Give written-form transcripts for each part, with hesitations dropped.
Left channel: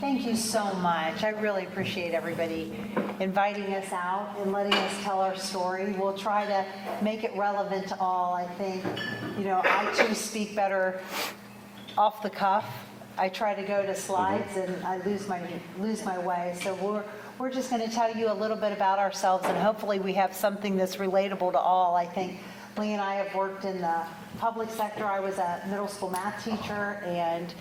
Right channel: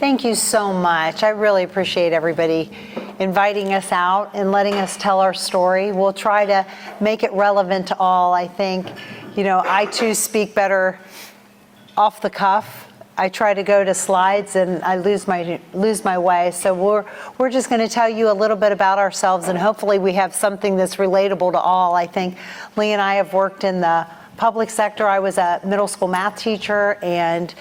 Thank you so much. I really appreciate everybody inviting us out and letting us tell our story. We'll try to make it relevant to all. I think, I too speak better off the cuff. I try to go to slides and I lose my way. So we're just going to tell you a little bit about ourselves, and hopefully we have something that's relatable to all. I think Lee and I have worked in the public sector. I was a middle school math teacher, and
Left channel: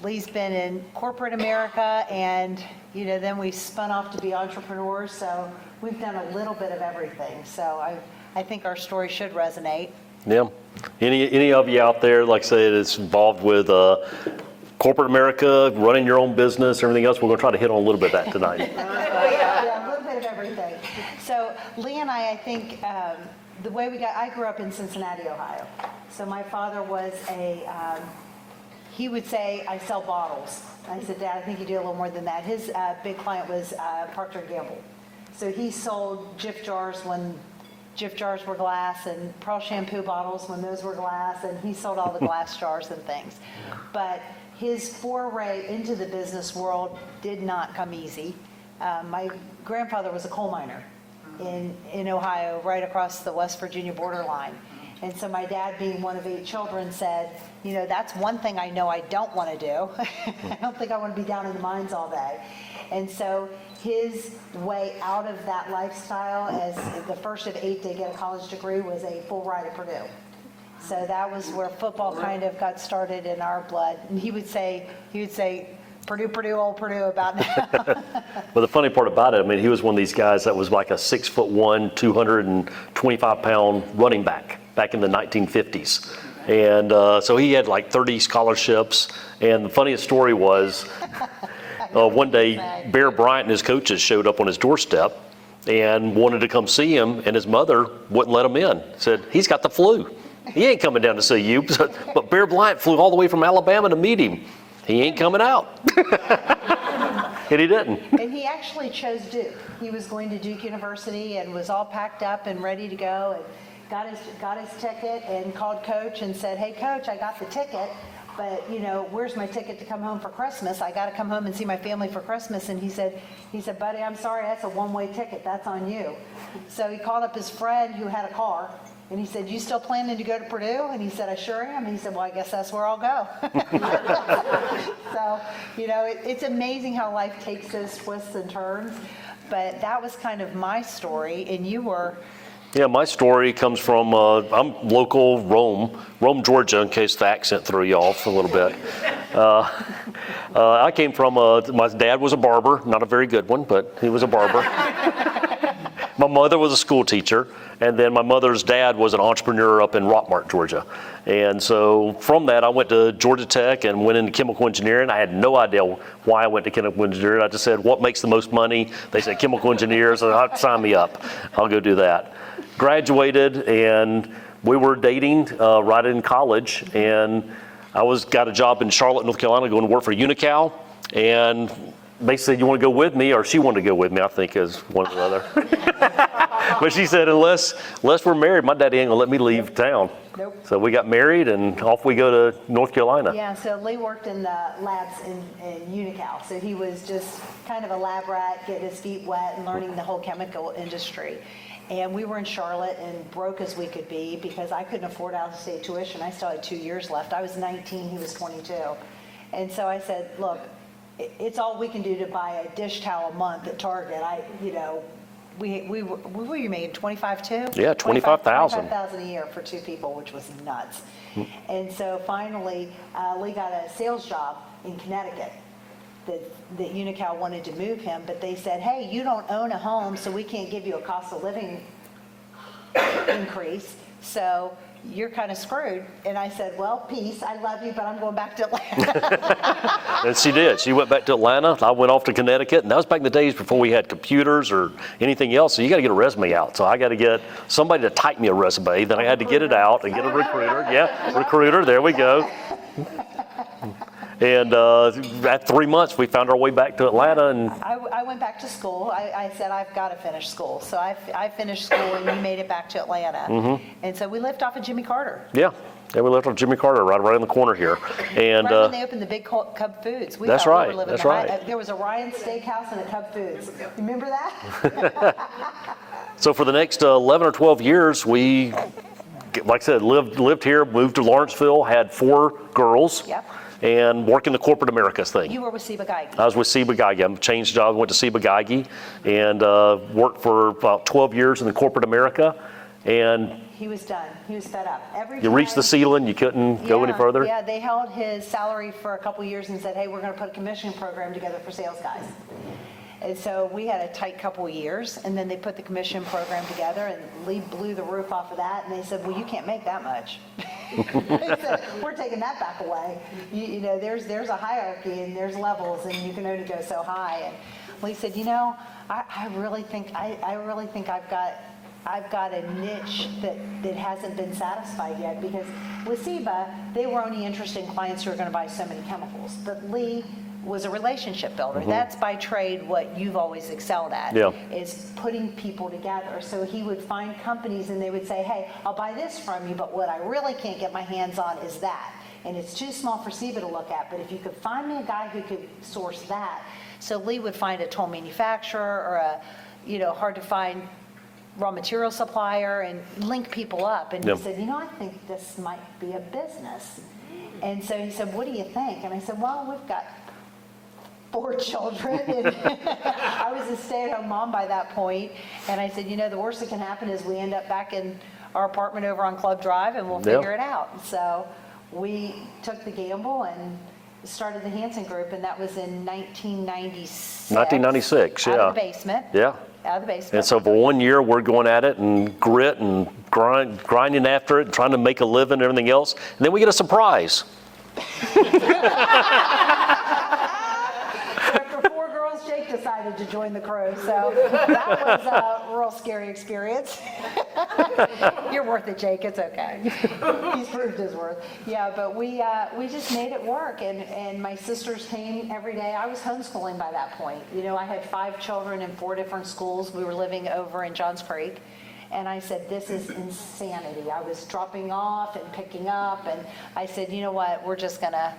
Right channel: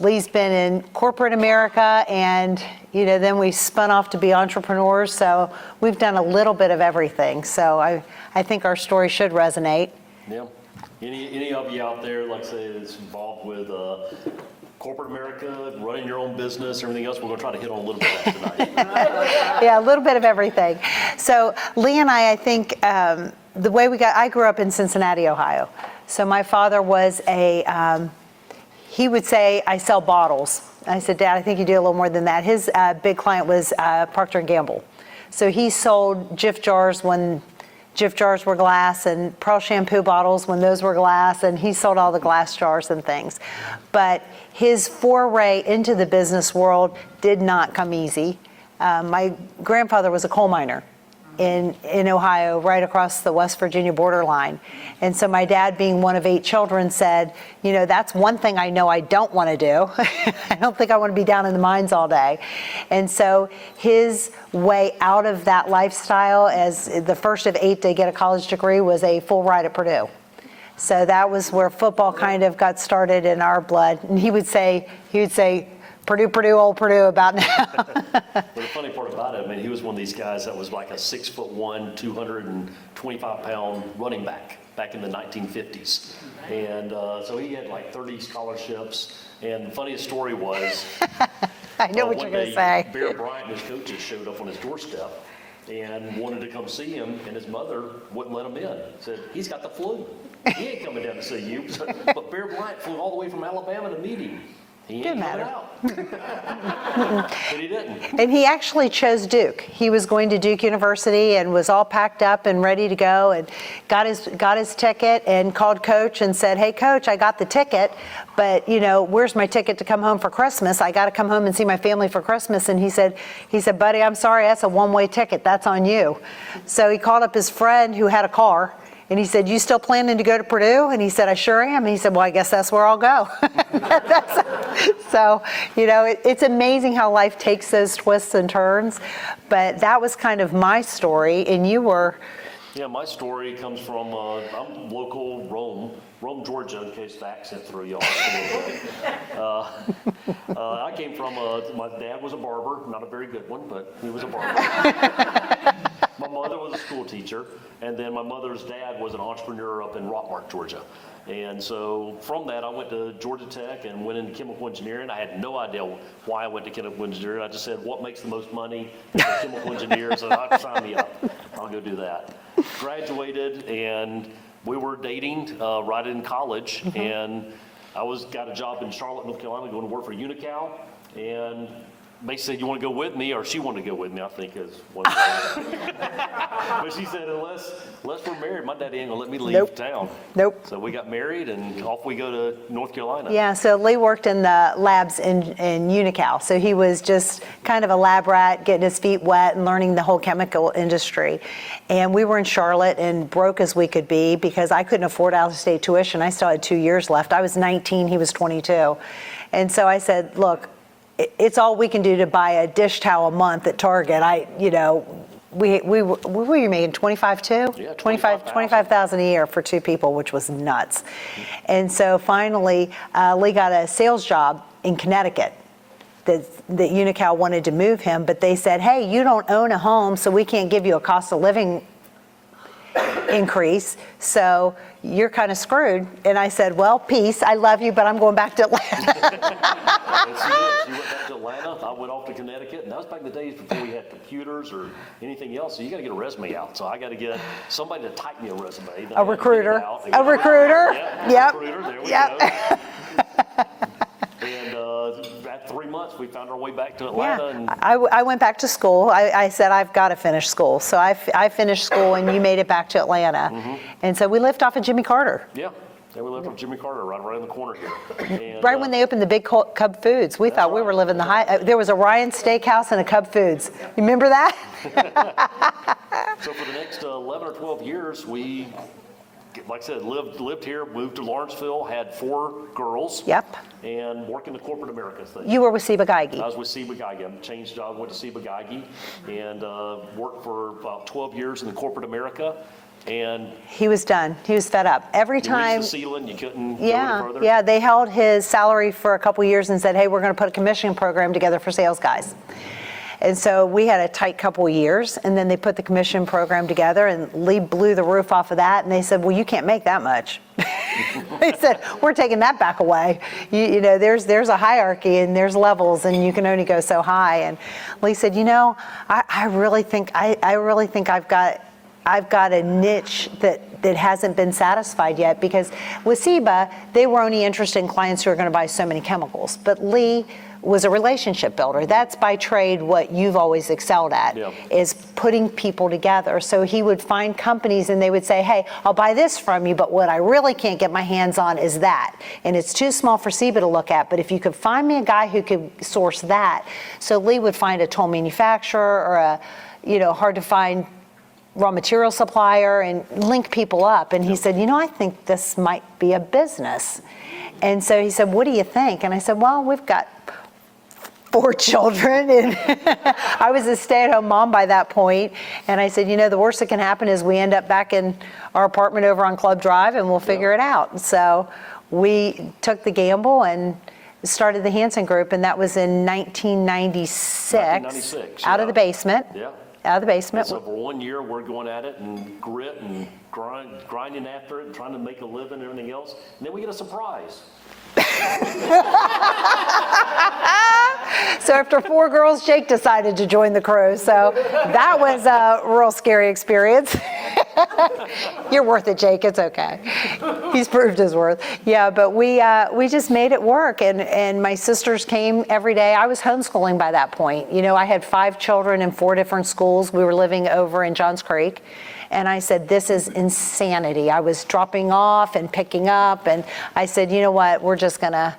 Lee's been in corporate America, and then we spun off to be entrepreneurs. So we've done a little bit of everything. So I think our story should resonate. Yeah. Any of you out there, like I said, is involved with corporate America, running your own business, everything else, we're going to try to hit on a little bit of that tonight. Yeah, a little bit of everything. So Lee and I think the way I grew up in Cincinnati, Ohio. So my father was he would say, I sell bottles. I said, Dad, I think you do a little more than that. His big client was Procter & Gamble. So he sold Jif jars when Jif jars were glass, and Pearl shampoo bottles when those were glass, and he sold all the glass jars and things. But his foray into the business world did not come easy. My grandfather was a coal miner in Ohio, right across the West Virginia borderline. And so my dad, being one of 8 children, said, that's one thing I know I don't want to do. I don't think I want to be down in the mines all day. And so his way out of that lifestyle, as the first of 8 to get a college degree, was a full ride at Purdue. So that was where football kind of got started in our blood. And he would say, Purdue, old Purdue about now. Well, the funny part about it, he was one of these guys that was like a 6'1", 225-pound running back in the 1950s. And so he had like 30 scholarships. And the funniest story was one day Bear Bryant and his coaches showed up on his doorstep and wanted to come see him, and his mother wouldn't let him in. Said, he's got the flu. He ain't coming down to see you. But Bear Bryant flew all the way from Alabama to meet him. He ain't coming out. And he didn't. And he actually chose Duke. He was going to Duke University and was all packed up and ready to go, and got his ticket and called Coach and said, hey, Coach, I got the ticket, but where's my ticket to come home for Christmas? I got to come home and see my family for Christmas. And he said, buddy, I'm sorry, that's a one-way ticket. That's on you. So he called up his friend who had a car. And he said, you still planning to go to Purdue? And he said, I sure am. And he said, well, I guess that's where I'll go. So, it's amazing how life takes those twists and turns. But that was kind of my story. And you were? Yeah, my story comes from, I'm local Rome, Georgia, in case the accent threw you off a little bit. I came from, my dad was a barber, not a very good one, but he was a barber. My mother was a school teacher. And then my mother's dad was an entrepreneur up in Rockmart, Georgia. And so from that, I went to Georgia Tech and went into chemical engineering. I had no idea why I went to chemical engineering. I just said, what makes the most money? They said chemical engineer, so sign me up. I'll go do that. Graduated, and we were dating right in college. Mm-hmm. And I got a job in Charlotte, North Carolina, going to work for Unical. And basically said, you want to go with me? Or she wanted to go with me, I think, is one of the other. But she said, unless we're married, my daddy ain't gonna let me leave town. Nope. So we got married, and off we go to North Carolina. Yeah, so Lee worked in the labs in Unical. So he was just kind of a lab rat, getting his feet wet and learning the whole chemical industry. And we were in Charlotte and broke as we could be because I couldn't afford out-of-state tuition. I still had 2 years left. I was 19, he was 22. And so I said, look, it's all we can do to buy a dish towel a month at Target. We were making 25 too? Yeah, 25,000 a year for 2 people, which was nuts. And so finally, Lee got a sales job in Connecticut. That Unical wanted to move him, but they said, hey, you don't own a home, so we can't give you a cost of living increase. So you're kind of screwed. And I said, well, peace, I love you, but I'm going back to Atlanta. And she did. She went back to Atlanta. I went off to Connecticut, and that was back in the days before we had computers or anything else. So you got to get a resume out. So I got to get somebody to type me a resume. Then I had to get it out and get a recruiter. Yeah, yep. Recruiter. There we go. And at 3 months, we found our way back to Atlanta. Yeah. And I went back to school. I said, I've got to finish school. So I finished school, and you made it back to Atlanta. Mm-hmm. And so we lived off of Jimmy Carter. Yeah. And we lived on Jimmy Carter, right around the corner here. And Right when they opened the big Cub Foods, we That's thought we right, were living that's the high. right. There was a Ryan Steakhouse and a Cub Foods. You remember that? so for the next 11 or 12 years, we, like I said, lived here, moved to Lawrenceville, had 4 girls. Yep. And working the corporate Americas thing. You were with Ciba Geigy. I was with Ciba Geigy. I changed jobs, went to Ciba Geigy, and worked for about 12 years in the corporate America. And He was done. He was fed up. Every you time. reached the ceiling, you couldn't go any further. Yeah, they held his salary for a couple years and said, hey, we're going to put a commission program together for sales guys. And so we had a tight couple of years, and then they put the commission program together, and Lee blew the roof off of that, and they said, well, you can't make that much. They said, we're taking that back away. You know, there's a hierarchy, and there's levels, and you can only go so high. And Lee said, you know, I really think I've got a niche that hasn't been satisfied yet, because with Ciba, they were only interested in clients who are going to buy so many chemicals. But Lee was a relationship builder. Mm-hmm. That's by trade what you've always excelled at, is putting people together. So he would find companies and they would say, hey, I'll buy this from you, but what I really can't get my hands on is that. And it's too small for Ciba to look at, but if you could find me a guy who could source that. So Lee would find a toll manufacturer or a, hard to find raw material supplier and link people up. And he said, I think this might be a business. And so he said, what do you think? And I said, well, we've got 4 children, and I was a stay-at-home mom by that point. And I said, the worst that can happen is we end up back in our apartment over on Club Drive, and we'll figure it out. And so we took the gamble and started the Hanson Group, and that was in 1996. 1996, Out of the basement. Yeah. Out of the basement. And so for 1 year, we're going at it and grit and grinding after it and trying to make a living and everything else. And then we get a surprise. So after 4 girls, Jake decided to join the crew. So that was a real scary experience. You're worth it, Jake. It's okay. He's proved his worth. Yeah, but we just made it work. And my sisters came every day. I was homeschooling by that point. I had 5 children in 4 different schools. We were living over in Johns Creek. And I said, this is insanity. I was dropping off and picking up. And I said, you know what, we're going to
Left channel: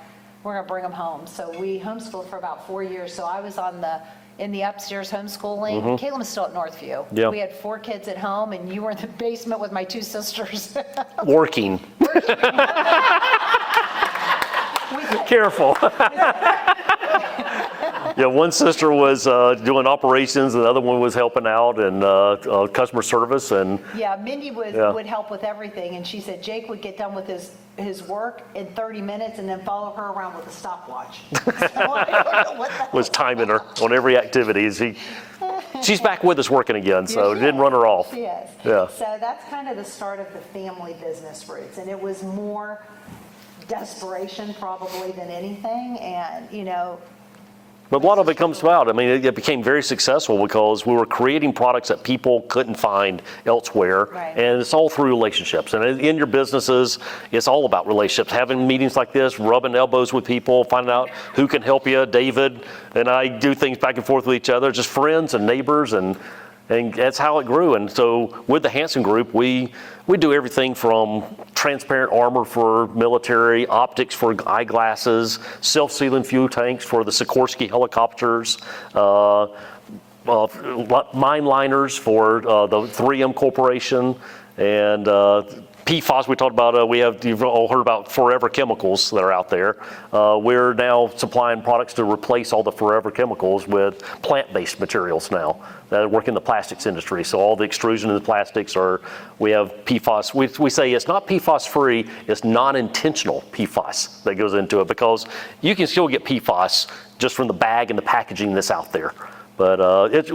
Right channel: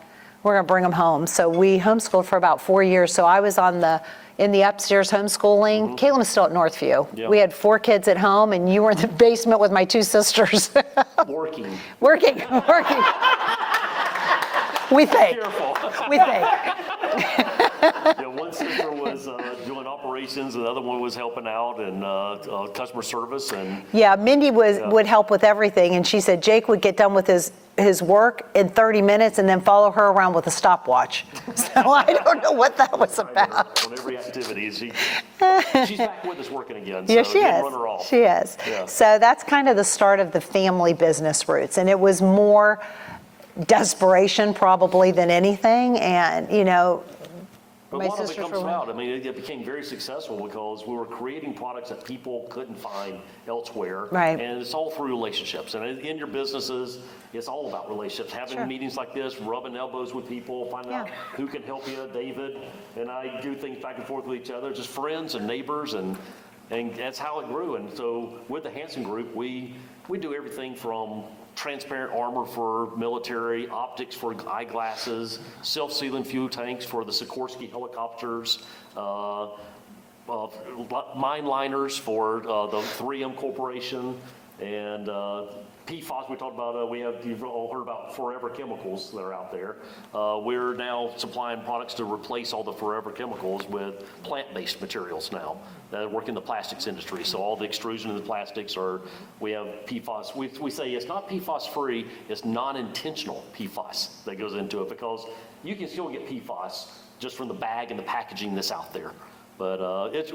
bring them home. So we homeschooled for about 4 years. So I was in the upstairs homeschooling. Mm-hmm. Caitlin was still at Northview. Yep. We had 4 kids at home, and you were in the basement with my 2 sisters. Working. We think. Careful. We think. One sister was doing operations, and the other one was helping out and customer service. And Mindy would help with everything, and she said Jake would get done with his work in 30 minutes and then follow her around with a stopwatch. So I don't know what that was timing about. her on every activity. She's back with us working again, so Yeah, didn't run her off. She is. Yeah. So that's kind of the start of the family business roots, and it was more desperation probably than anything, and But a lot of it comes about. I mean, it became very successful because we were creating products that people couldn't find elsewhere. Right. And it's all through relationships. And in your businesses, it's all about relationships. Having meetings like this, rubbing elbows with people, finding out who can help you. David and I do things back and forth with each other, just friends and neighbors, and that's how it grew. And so with the Hanson Group, we do everything from transparent armor for military, optics for eyeglasses, self-sealing fuel tanks for the Sikorsky helicopters, mine liners for the 3M Corporation, and PFAS we talked about. You've all heard about forever chemicals that are out there. We're now supplying products to replace all the forever chemicals with plant-based materials now that work in the plastics industry. So all the extrusion in the plastics we have PFAS. We say it's not PFAS free, it's non-intentional PFAS that goes into it, because you can still get PFAS just from the bag and the packaging that's out there. But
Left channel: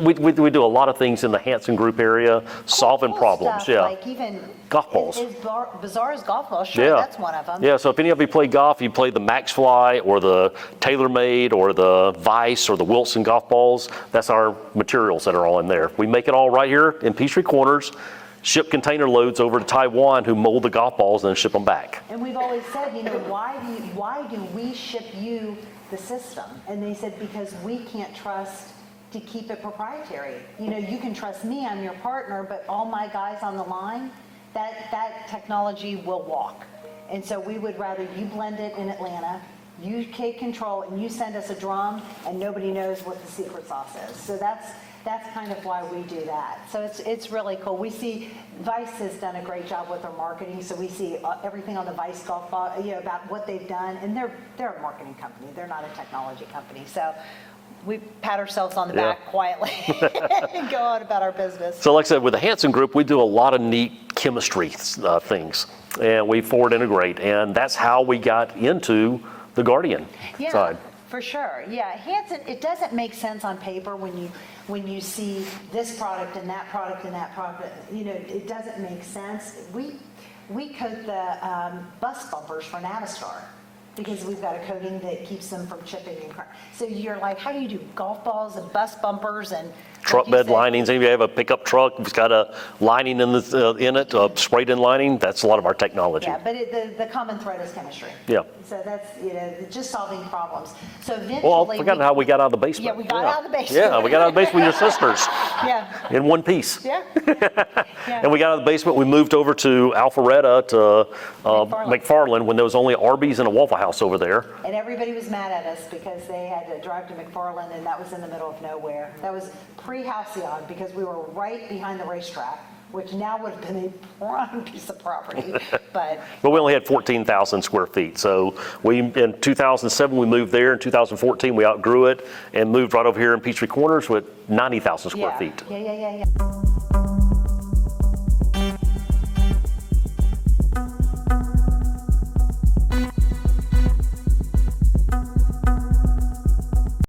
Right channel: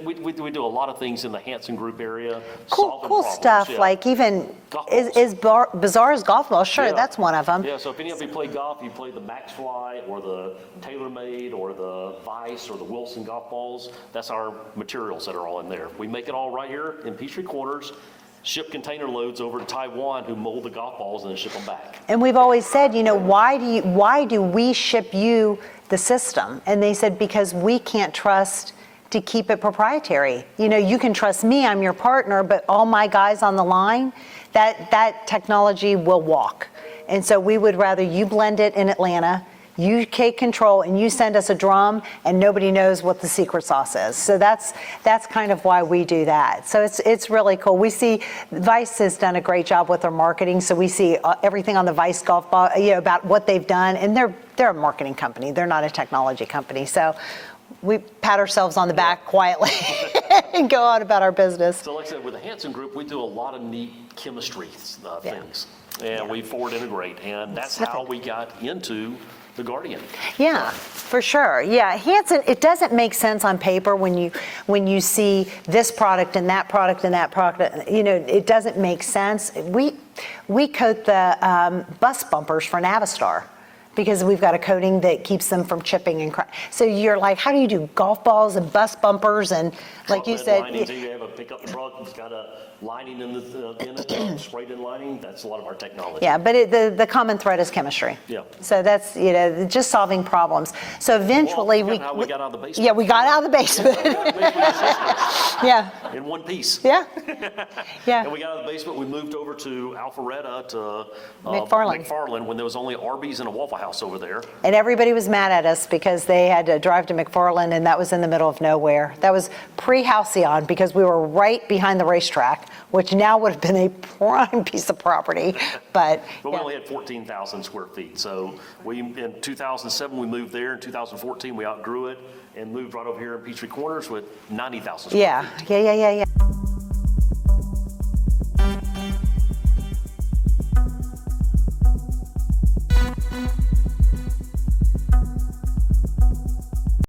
we do a lot of things in the Hanson Group area, solving cool problems. Stuff, like even golf balls. As bizarre as golf balls. Sure, that's one of them. Yeah, so if any of you play golf, you play the Max Fly or the TaylorMade or the Vice or the Wilson golf balls, that's our materials that are all in there. We make it all right here in Peachtree Corners, ship container loads over to Taiwan, who mold the golf balls and then ship them back. And we've always said, why do we ship you the system? And they said, because we can't trust to keep it proprietary. You can trust me, I'm your partner, but all my guys on the line, that technology will walk. And so we would rather you blend it in Atlanta, you take control, and you send us a drum, and nobody knows what the secret sauce is. So that's kind of why we do that. So it's really cool. We see Vice has done a great job with their marketing. So we see everything on the Vice golf ball, about what they've done, and they're a marketing company. They're not a technology company. So we pat ourselves on the back quietly and go on about our business. So like I said, with the Hanson Group, we do a lot of neat chemistry things, and we forward integrate, and that's how we got into the Guardian side. For sure. Yeah, Hanson, it doesn't make sense on paper when you see this product and that product and that product. It doesn't make sense. We coat the bus bumpers for Navistar, because we've got a coating that keeps them from chipping and cracking. So you're like, how do you do golf balls and bus bumpers and truck bed linings? If you have a pickup truck, it's got a lining in it, sprayed in lining. That's a lot of our technology. Yeah, but the common thread is chemistry. Yeah. So that's just solving problems. So eventually, well, how we got out of the basement. Yeah, we got out of the basement. Yeah, we got out of the basement with your sisters. Yeah. In one piece. Yeah. Yeah. And we got out of the basement. We moved over to Alpharetta to McFarland when there was only Arby's and a Waffle House over there. And everybody was mad at us because they had to drive to McFarland, and that was in the middle of nowhere. That was pre-Halcyon, because we were right behind the racetrack, which now would have been a prime piece of property. But we only had 14,000 square feet. So in 2007, we moved there. In 2014, we outgrew it and moved right over here in Peachtree Corners with 90,000 square feet. Yeah.